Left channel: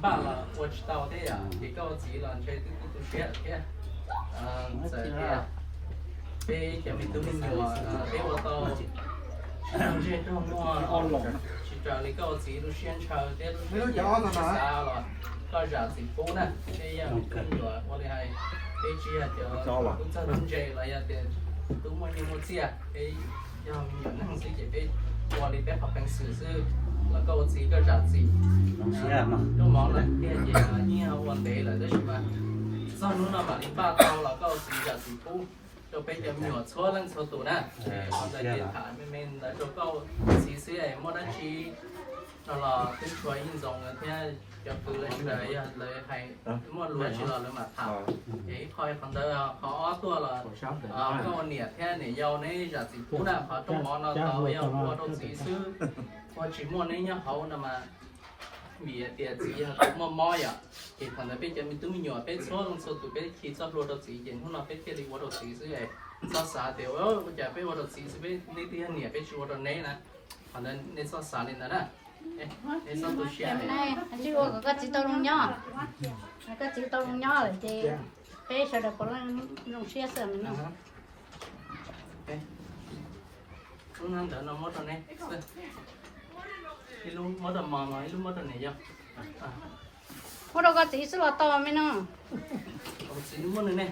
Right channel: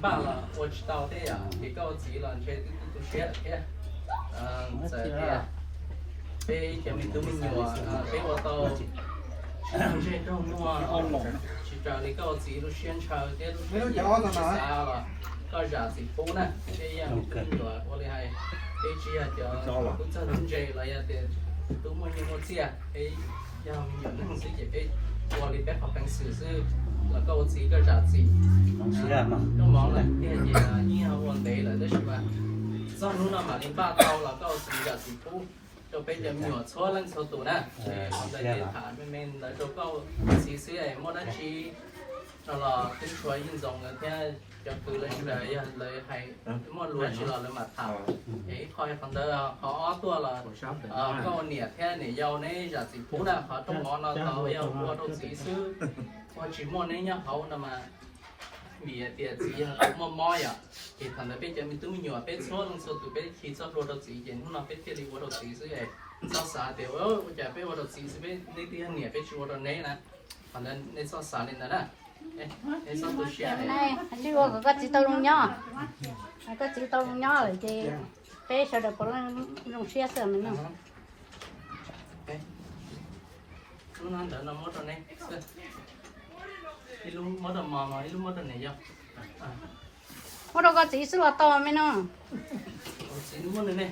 罢了，我知道的呀，别着急了，这都学了的，在的，被前面都没有啊，被我到这周末去找那个记录宣传的，都是啥了，搞啥子不呢？这样都没有啊，我哋係被只啊就都真係這了呀的，都冇你冇知啊，被要有那些就被我哋被學平時是。那个我自己个啥子，都忙了，电影啊、音啊、问题了，都是嘛，上路了嘛，零八刀了，搞自己啥子不，就被人秒错人错多呢，我在电台里面那就搞其实也没得去，那了跟出来运动个天，就คือเลยก็ได้เลยให้มั่วล้วนชิลเลยมาทำคอยคนเดียวเขาอ้อตัวละก็เนี่ยแค่เนี่ยยาวเนี่ยจากสิพูนะเขาต้องมองเราเขายาวตัวต้องสีซื้อพอชิมมั่วเนี่ยเขาน่ะมามีเดียสีมั่วม้อยอ่ะเหตุผลนั้นเป็นจะมีตุ้มหยอดเป็นโซ่ลงโซ่ตัวเป็นขีดซับโรดสีเย็นพวกเราเป็นแค่ดีวัดสีซื้อไอ้ซอสสาเดี๋ยวจะเป็นวัดสีซื้อเป็นในที่เนี่ยเป็นชัวร์เนี่ยนะเพราะนั้นในซอสสาเนี่ยนะในซอสตัวเชียร์นี่ว่าก็จิตตัวnhỏก็จิตตัวnhỏเลยจีเป๊ะสุดเลยเพราะว่าน้องเชียร์เสริมนะลูกนั่นเดี๋ยวเราหมดตอนนี้ลูกหมดตอนมาลูกหมดตอนไหนยังว่าเราก็จีสุดต่อไหมน้องจีลูกหมดเลยเนี่ย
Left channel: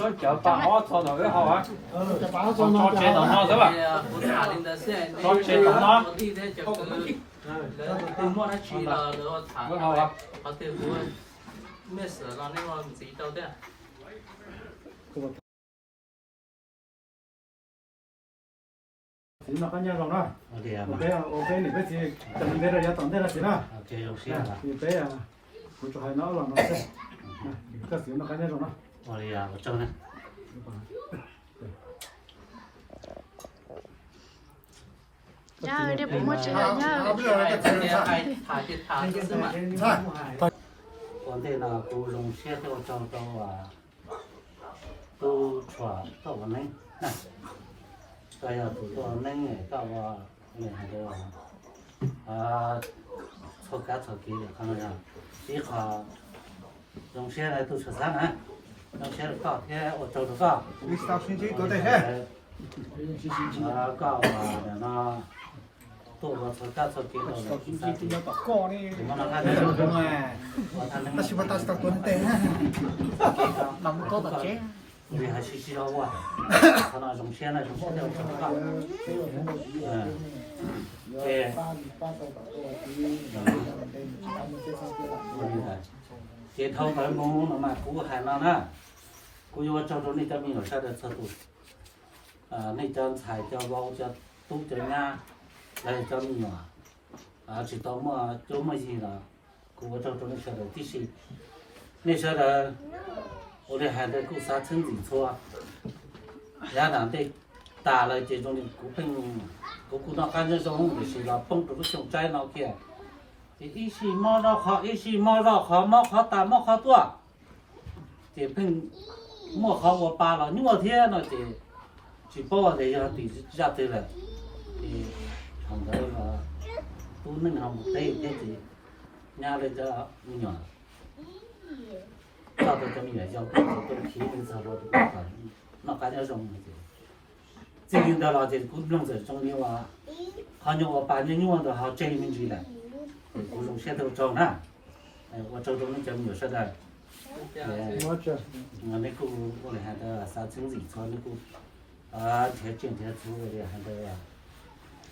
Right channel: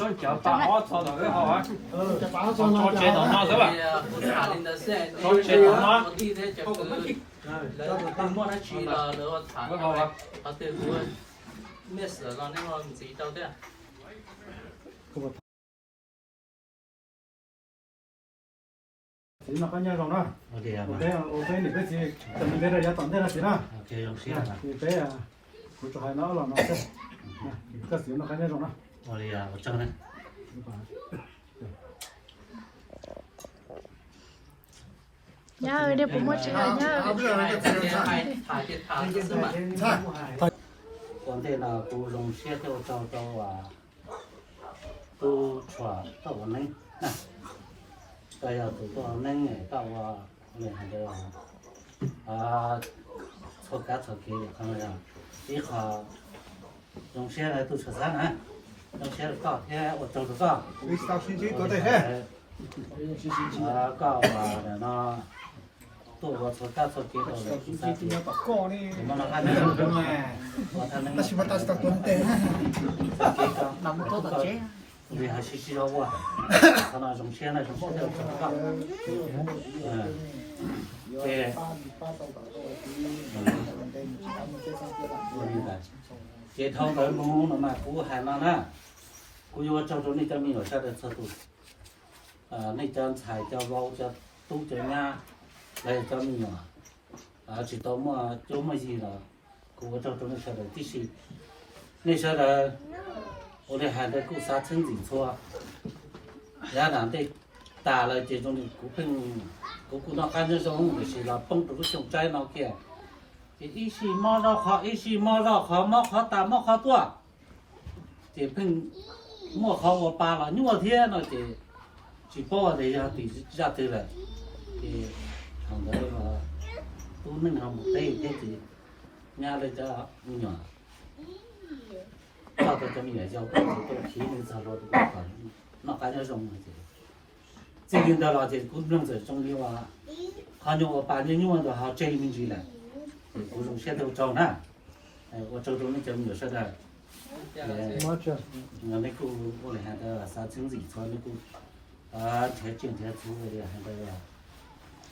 nó chở bà họ thọ rồi họ á cho chế tao nó thế bà我打领的是，cho chế tao nó我弟弟就然后对莫那去了，然后查，他对我没事了，那个自己找的。chỉ nó có nhau rồi đó. Ok thì cái gì cho mình biết là giá tổng thế là gì đó. Thì cái của cho hai nó là nó sẽ cái gì nó có nhau rồi đó. Nhá ơi, đây bố mất chưa nhá. Còn đây là cô lồng xe theo cho cô chua tao vào nâng nè cái là tụi tôi nâng này tao vào này hay đâu cho cá cho kia không là đi họ lồng xe này tôi sửa sang hả lồng xe được có thế ở châu được có Đi sao xin chỉ có thể hết. có là nó tôi vào cho cá cho kia rồi Xin chỉ nó có co đi. mà nó ăn được Nhưng mà ta chỉ bắt ta sẽ tuân tệ ha. nằm tốt ở chế 우리 하시지라고 하나 좀 시원해 좀 세대고 좀 예. 우리다. 제 타고 뭐 mà cú hai nó na. Cú vô trong đó này cho mình ở sao được sao tụ. Này cho xài cho bao cho tu cho nha. Đây cho mình nhỏ. Chỉ tao mà chỗ mà gì là cú trong đó này sao được tí xí. Này sao được我哋还得顾啥村子错，也难得打了这种的股份，股那看这种就是了，蹦出熊仔那些，一时毛绕好，一时毛绕好，毛好大，毛好多，这份毛好我扒了，牛天那这，就把我这下对下对了，他们了，都能他们对这这，伢来叫牛。到到这么远，要不都皮领车路都不好，那还要种的。最近到了这古种子种的话，好像我把这用的好这一名去了，古种现在都种了，我种那叫没有说的，我那个我还得啥村子做那个天今天做的还得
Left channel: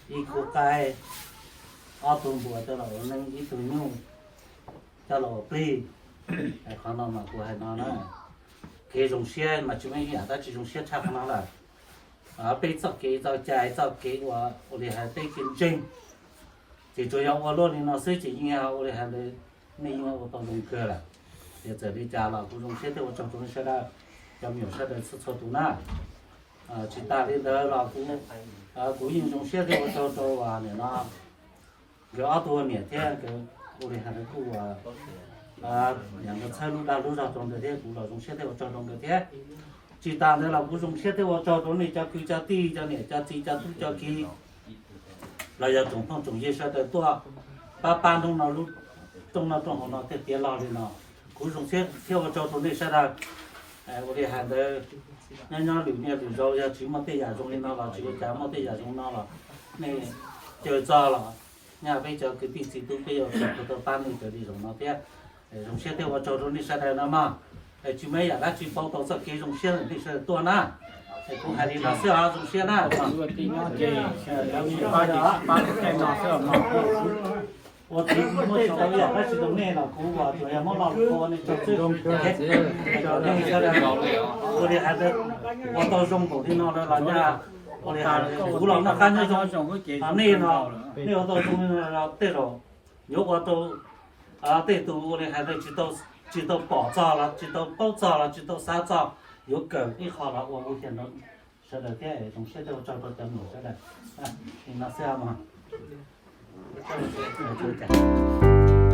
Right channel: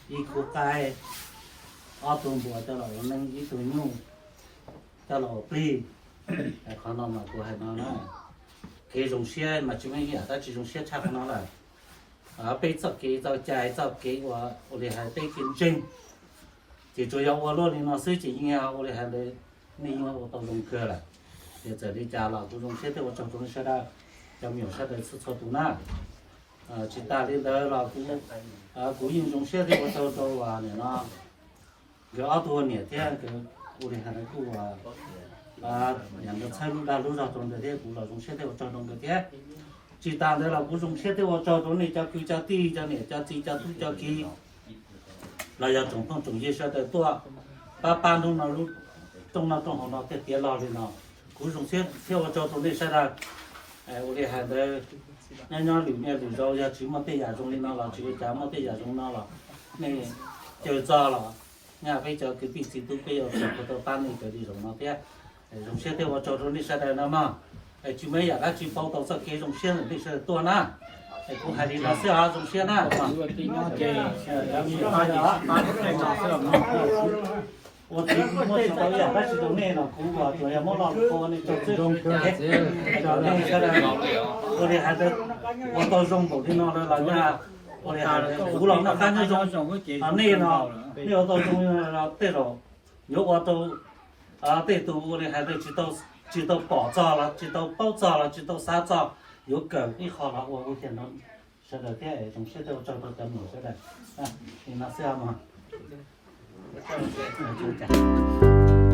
一口盖，2吨多的了，我那1吨牛，到了背。可能嘛，过还那呢，这种些嘛，就没有的这种些差不多了。被找给找家找给我的还被竞争，最主要我老的那手机银行我的还得，那因为我到农科了，在这里家了，这种现在我找中些的，要没有说的吃错多呢，去打理的了，古英雄现在我找完了那，有2多年天个我的还得过两个菜路路上种的天，古老种现在我找种的天，最大的了，古种现在我找种的叫贵叫低叫呢叫低叫都叫低，那要种放种叶说的多，把搬动那路种那种好那在跌老的那，古种现在我找种的说的，我的还得，人家里面里头要去么对亚种的那了，这个家么对亚种那了，那就糟了，人家被叫隔壁几都被要不到搬那这里种那边。种现在我找着你说的了嘛，就没有了，就报道这给种现在那是多呢，公海里那是啊种现呢，我听我知道呀，那是种那了，古话主要没老多那种这种那说的，我的还是我到中国的那了家，我的还是古老那看那种那呢，那个到中那对了，有我都。对，都我的还得知道保障了，知道保障了，知道啥障，有梗一好了，我现在说的这种现在我找到这么说的，你那这样吗？就这样。